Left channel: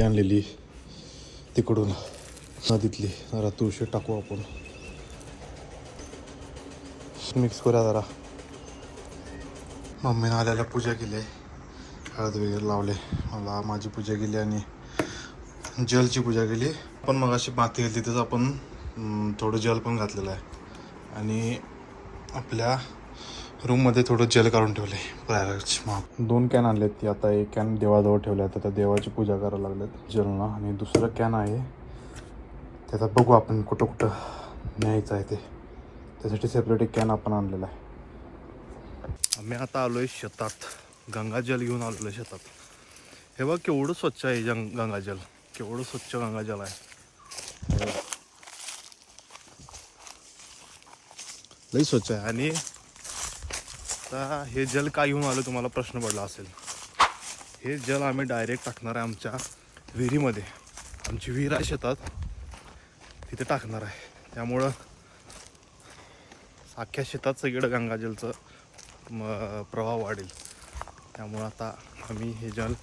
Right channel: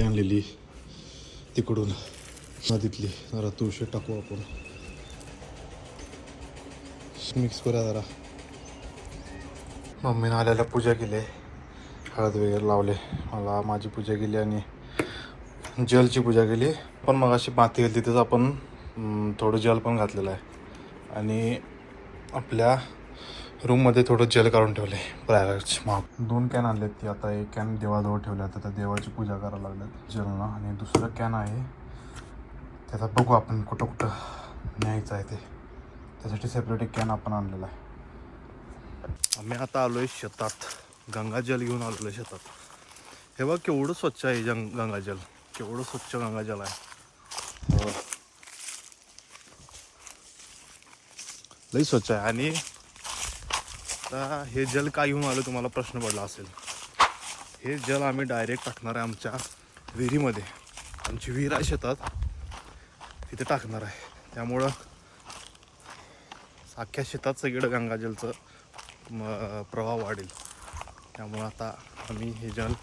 माती आणलेली तिकडून नदीतली, जरा तुळशी टाकू आपण, मिक्स करूया जरा. मम्मीनं आल्याला पूजा केली, हळद वगैरे लावले, मला माझी पूजा केली आणि जलची पूजा केली. पण मग अशी माती घातली, तिथंच आपण थोडं जल पण घातलेलं आहे. आणि आपल्या रूममध्ये थोडं जल काढून ठेवले प्रायरच. मग 2 कॅन आणलेत, ती आता एक कॅन देवाजवळ ठेवला आहे, तर देवाची पूजा करायला लागलेत जलना. आणि दुसरं कॅन आहे त्याचा बघू आपण कुठं कुठं न्यायचं आहे ते, त्यासाठी सेपरेट एक कॅन आपण आणलेला आहे. आम्ही आता आलो आहे शेतात, गंगाजल घेऊन आलेलो आहे शेतात. हे बघ केवढं स्वच्छ आहे गंगाजल, केवढं स्वच्छ गंगाजल आहे, लई स्वच्छ आहे. आणि आता हे जल का घेऊन आलं तुम्हाला प्रश्न पडला असेल. हे जल आम्ही डायरेक्ट टाकणार आहे आमच्या विहिरीमध्ये. आमची विहीर आहे शेतात, तिथे टाकणार आहे. त्यामुळं अख्ख्या शेतात सगळीकडं गंगाजलचं प्रवाह वाढेल. त्यामुळं आता आम्ही हे जल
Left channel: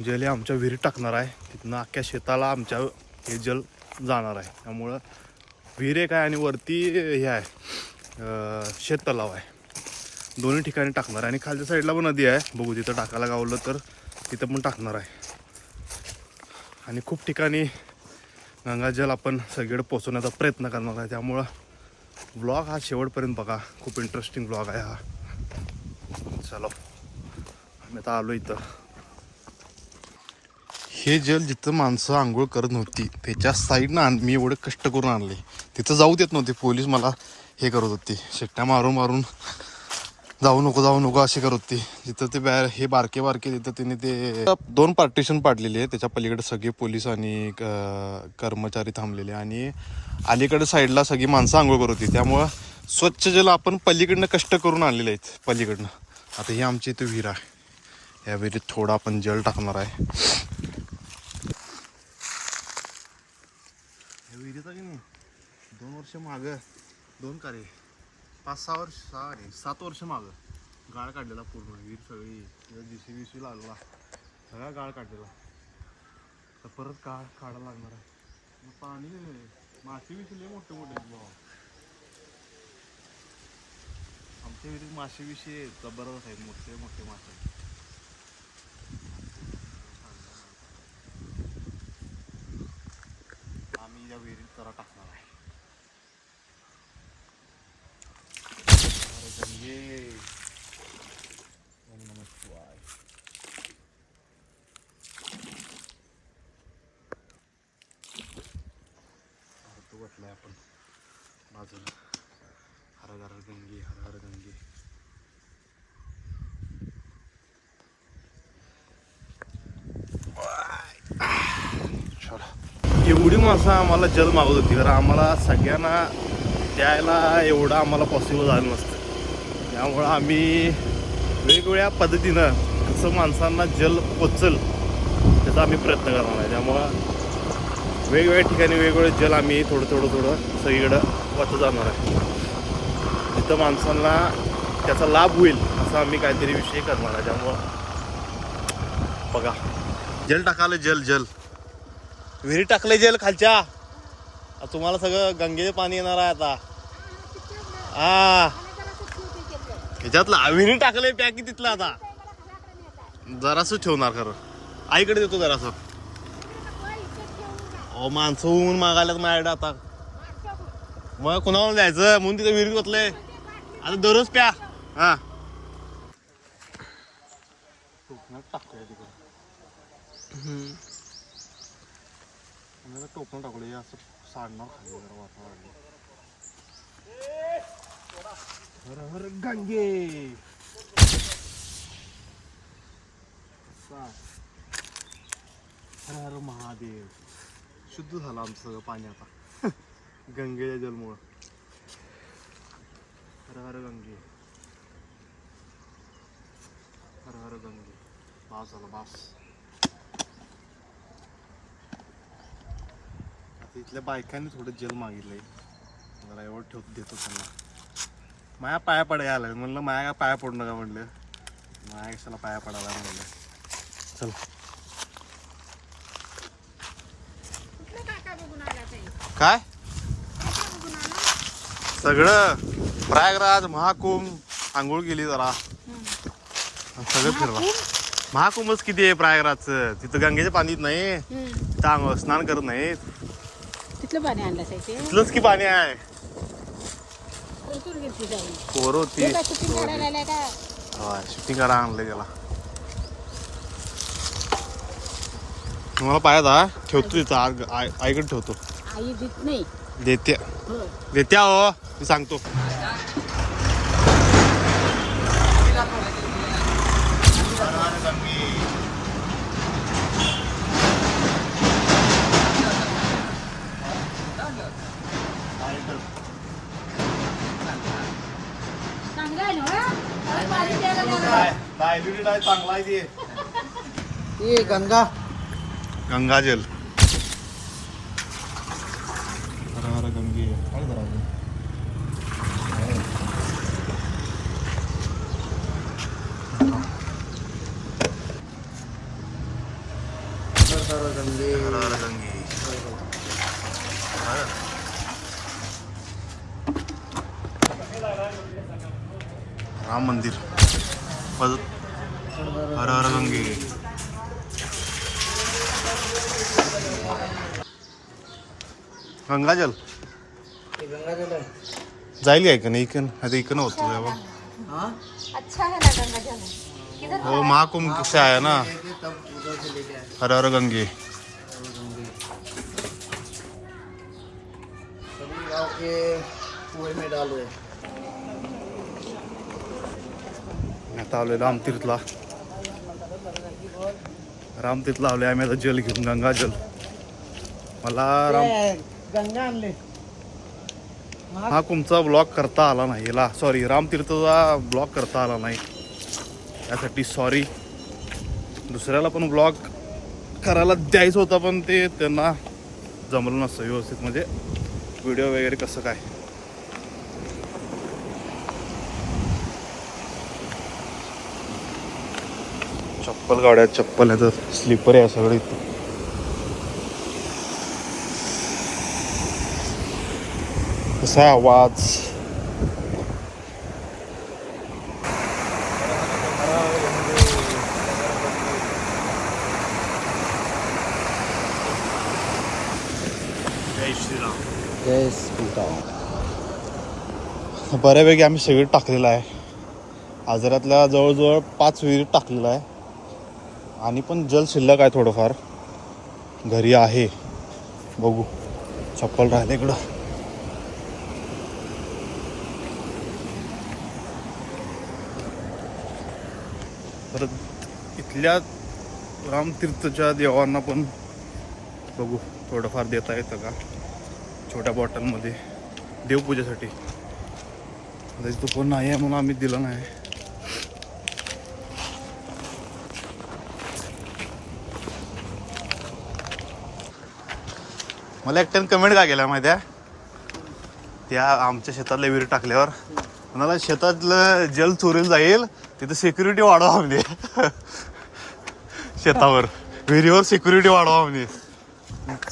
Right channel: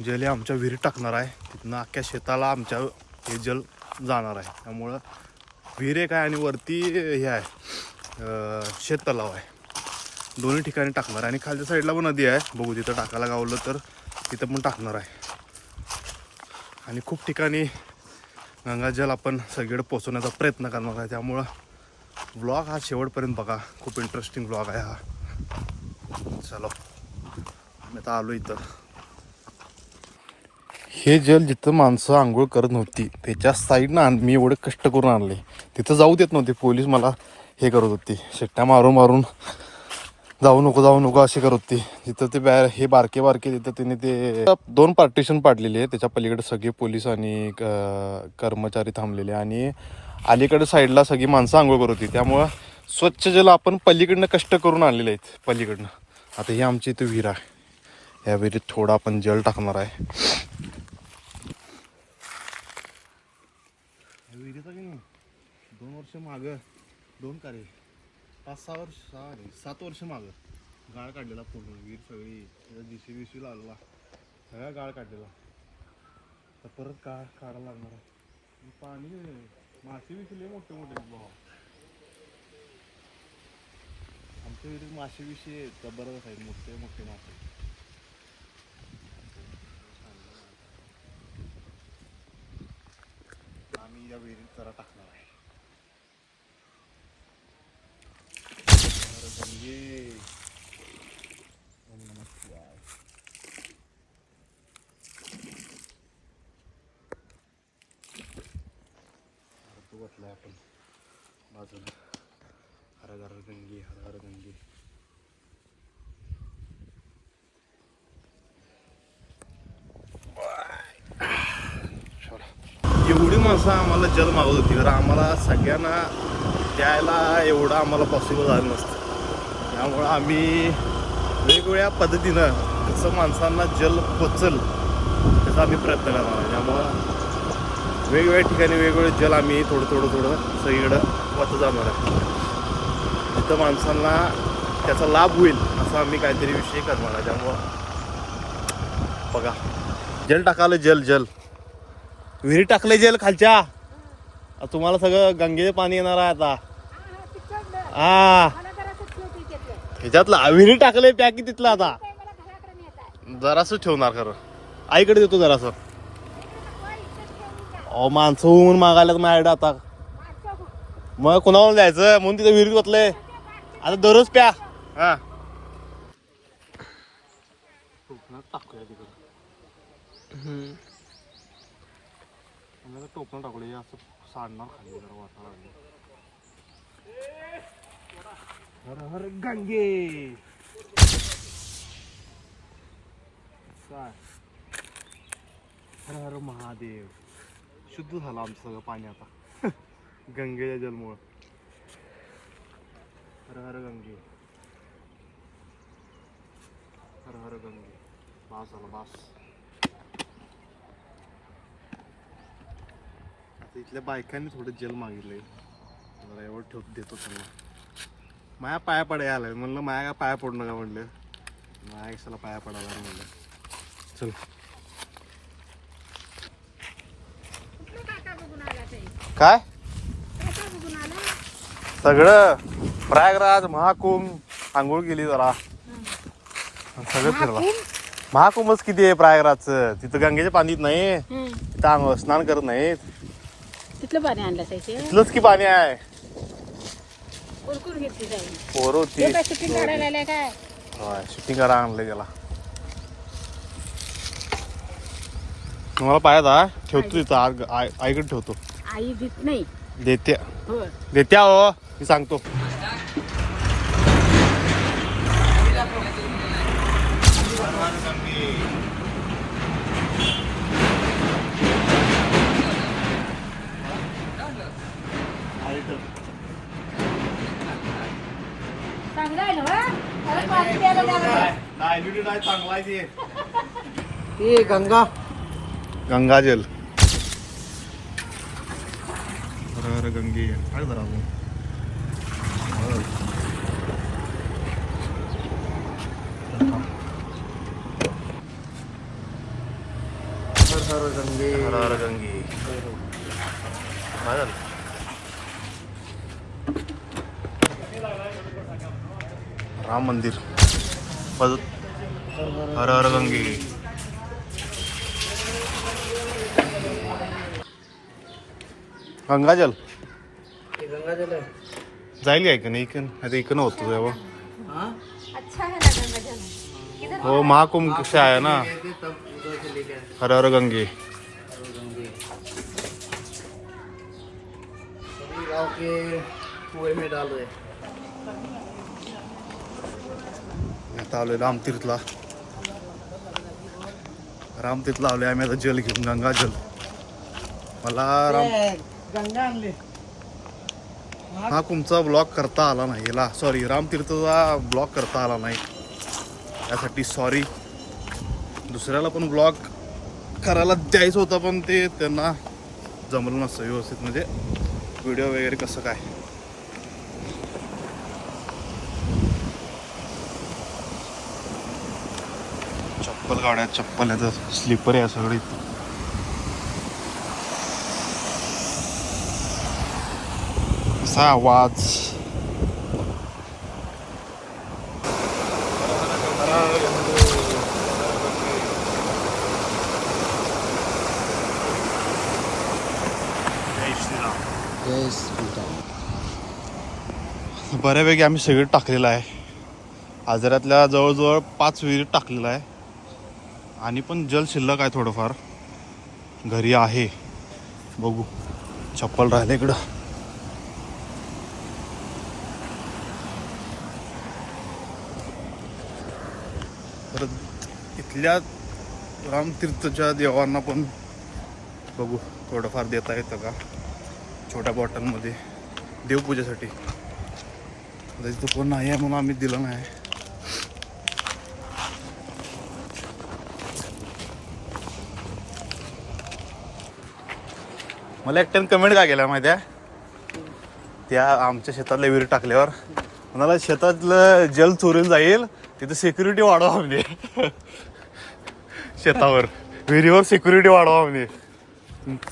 हे आमच्या विहिरीत टाकणार आहे. तिथनं अख्ख्या शेताला आमच्या हे जल जाणार आहे. त्यामुळं विहीर एक आहे आणि वरती हे आहे शेततलाव आहे, दोन्ही ठिकाणी टाकणार आहे. आणि खालच्या साईडला पण नदी आहे, बघू तिथं टाकायला गावलं तर तिथं पण टाकणार आहे. आणि खूप ठिकाणी गंगाजल आपण सगळीकडे पोचवण्याचा प्रयत्न करणार आहे. त्यामुळं व्लॉग हा शेवटपर्यंत बघा, खूप इंटरेस्टिंग व्लॉग आहे हा. चलो आम्ही आता आलो इथं. हे जल जिथं माणसं आंघोळ करत नव्हती त्याच्या साईडनं मी एवढे कष्ट करून आणले. तिथं जाऊ देत नव्हते पोलीस, मला हे करत होती, शिट्ट्या मारून मारून जाऊ नको अशी करत होती. तिथं ते हे बारके तिथं तिने ते 2 पार्टिशन पाडलेले आहे. त्याच्या पलीकडे सगळे पोलीस आणि कर्मचारी थांबलेले, आणि अलीकडे साईडला सगळी माणसं आंघोळ करत होती. त्यामुळं स्वच्छ जल आपण पलीकडनं कष्ट करून आणलेले आहेत पलीकडनं. आता ही आमची इथं विहीर आहे, ह्या विहिरीत थोडा आपण जल टाकणार आहे. विहिरीचा की नाही 2 वर्ष मागं, 2 कार्य 5-6 वर्ष, 7 वर्ष मागं गाळ काढलेला पूर्ण. विहीर सगळी JCB लागला, सगळा गाळ काढलेला. तर परत काढायला लागणार आहे. पाणी मासे लय मोठे भाव. आमच्या विहिरीत मासे जबरदस्त आहेत, मोठे मोठे मासे. आम्ही या विहिरीत जरा टाकणार आहे. ओम नमः शिवाय. वाटलंय आपण बाजूला हर हर गंगे, हर हर गंगे. एवढी माणसं आम्हाला जल मागत होती, कारण आम्हाला सगळ्यांना द्यायला एवढं आम्हाला पॉसिबल झालं नसतं. त्यामुळं आम्ही वेगवेगळ्या पद्धतीनं कसं माणसांना जल पोचल त्याचा आम्ही प्रयत्न करणार आहे. त्यामुळं वेगवेगळ्या ठिकाणी वेगवेगळे जल आम्ही थोडं सगळीकडं वाटत जाणार आहे. जिथं माणसांना त्याचा लाभ होईल असं आम्ही काहीतरी विषय करणार आहे. त्यामुळं बघा, जल टाकालं, जल विहिरी टाकले जल खालच्या. तुम्हाला सगळं गंगेचे पाणी येणार आहे आता. हा ह्याच्यातला विहिरी टाकले पॅकी तिथला. आता जरासं ठेवणार खरं, आईकडे देतो जरासं. माणसं होऊन मागायला माझ्याकडे आता, मग कोणाला द्यायचं म्हणून तिथं विहिरीत बसलंय. आता दररोज प्या. हा टाकूया तिकडे, टोपण टाकलं असं सांडणार खाली जरा वातावरण. हर हर गंगे. हर हर महादेव. शुद्ध झालं आमचं सगळं पाणी आता गंगेच्या जलमुळं. हर हर गंगे, हर हर गंगे. बास झाला बास. आता इथल्या बायकांनी थोडं जल मागितलंय, मला एवढं देतो त्यांना. माया पाया पडायला आलाय म्हणलं, माया पाया पडू नका म्हणलं, माया कशाला पाया पडायला म्हणलं. चल काय सगळं प्रयागराज महाकुंभ आंघोळ केली जरा सगळं फिरला. महाकुंभच किती आहे प्रयागराजचं. तिथं गंगेच्या पाणीत नाही, तिथं आंघोळ स्नान करत नाहीत. तिथलं पाणी आणलं साहित्य तिथलंच की पाणी आहे. कोण घेतली जाईल पोरं होती काय शूटिंग करा आणलं गेला. तुम्हाला पाहिजे ठेवतो तिथं आईकडे ठेवतो. आई देत नाही देत्या हो मी सांगतो. चांगलं आहे ना चांगला आहे ये गंगा गंगाजल. हर गंगे काय जरा हर हर गंगे काय झालं. राम मंदिर हर हर गंगे. गंगाजल गंगाजल आहे. जाईल काय का नाही इकन आता इकन होतो तेव्हा. हो महाकुंभ से आया ना. हर हर गंगे. आता आलोय रामतीर्थला. रामतीर्थला आलोय आम्ही आता जल घेऊन गंगाजल. मला गंगा आणले. महाकुंभचा ब्लॉग करता आला नाही याला सॉरी. रामतीर्थचा ब्लॉग करता आला नाही त्यासाठी सॉरी. दुसऱ्याला पण ब्लॉग करायला द्यायचं होता पण ते त्यांना जमलं नसतं व्यवस्थित म्हणजे व्हिडिओ वगैरे कसं काय. चप्पल गाड्या चप्पल आहे तर स्लीपर आहे सगळी. कसा आवाज. जय श्रीराम. बऱ्यापैकी आम्ही सगळं टाकलेलं आहे. आजारातल्या जवळजवळ 5 विहिरी टाकलेला आहे आणि पण जल शिल्लक आहे थोडंफार घरी आहे. बघू चप्पल राहिले इकडं. परत इथल्या रामतीर्थच्या देवांना पण बघू थोडंफार देता येतं का छोट्या बॉटलमध्ये देवपूजेसाठी. आता इथं कोण नाही आहे म्हणून आम्ही दिलं नाही. मला एकट्यानं कमेंट काय केल्या माहिती आहे त्या आमच्या शेतातल्या विहीर टाकल्यावर. म्हणाला शेतातलं जल चोरीला जाईल तिथं सिक्युरिटी वाढवा म्हणजे शेतावर विहिरीवर सिक्युरिटी वाढवा म्हणजे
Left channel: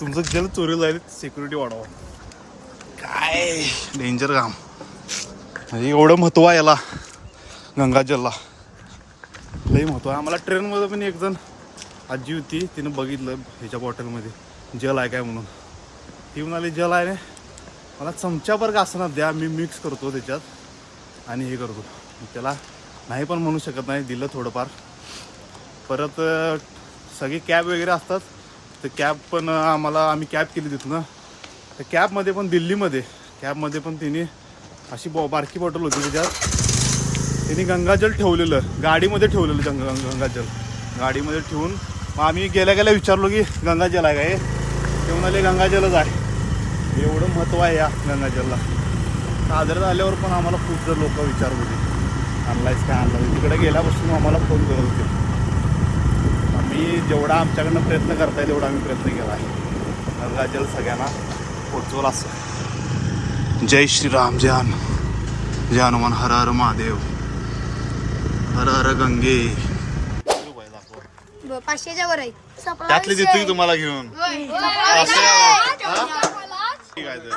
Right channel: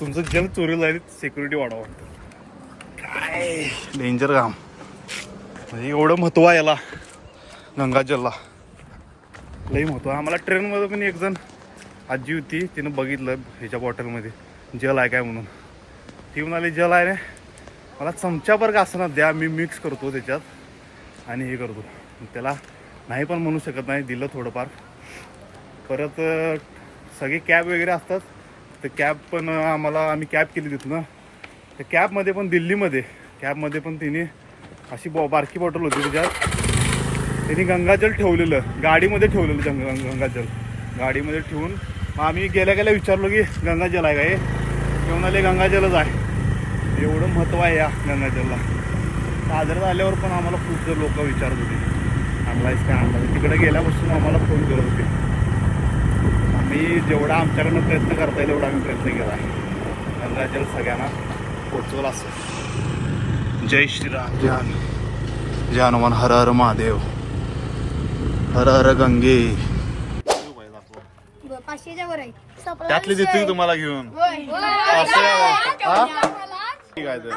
तुमचं जल चोरीला जाईल सिक्युरिटी वाढवा. काय डेंजर काम म्हणजे एवढं महत्त्व आहे याला गंगाजलला. लई महत्त्व आहे. आम्हाला ट्रेनमध्ये पण एक जण आजी होती तिनं बघितलं ह्याच्या बॉटलमध्ये जल आहे काय म्हणून. ती म्हणाली जल आहे ना मला चमच्याभर का असं ना द्या मी मिक्स करतो त्याच्यात आणि हे करतो. त्याला नाही पण म्हणू शकत नाही दिलं थोडंफार. परत सगळे कॅब वगैरे असतात तर कॅब पण आम्ही कॅब केली तिथनं. तर कॅबमध्ये पण दिल्लीमध्ये कॅबमध्ये पण तिने अशी बारकी बॉटल होती त्याच्यात त्यांनी गंगाजल ठेवलेलं गाडीमध्ये ठेवलेलं गंगाजल गाडीमध्ये ठेवून. मग आम्ही गेल्या गेल्या विचारलो की गंगाजल आहे काय ते म्हणाले गंगाजलच आहे. एवढं महत्त्व आहे या गंगाजलला. आजारात आल्यावर पण आम्हाला खूप जर लोक विचारत होते आणलायस काय आणला. तिकडे गेल्यापासून आम्हाला फोन करत होते. आम्ही जेवढा आमच्याकडनं प्रयत्न करता येईल तेवढा आम्ही प्रयत्न केला आहे गंगाजल सगळ्यांना पोचवलं असं. जय श्रीराम. जय हनुमान. हर हर महादेव. हर हर गंगे. 500च्या वर आहे. त्यातली देतो की तुम्हाला घेऊन. काय तर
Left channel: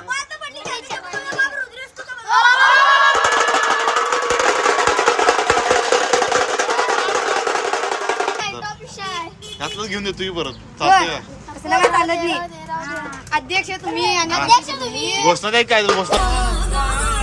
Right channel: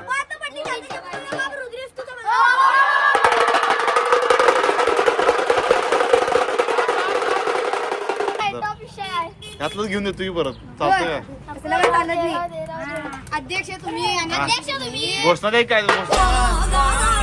ह्यातलंच घेऊन देतो तुम्ही परत चालतंय अध्यक्ष तुम्ही घोषणा द्या काय घोषणा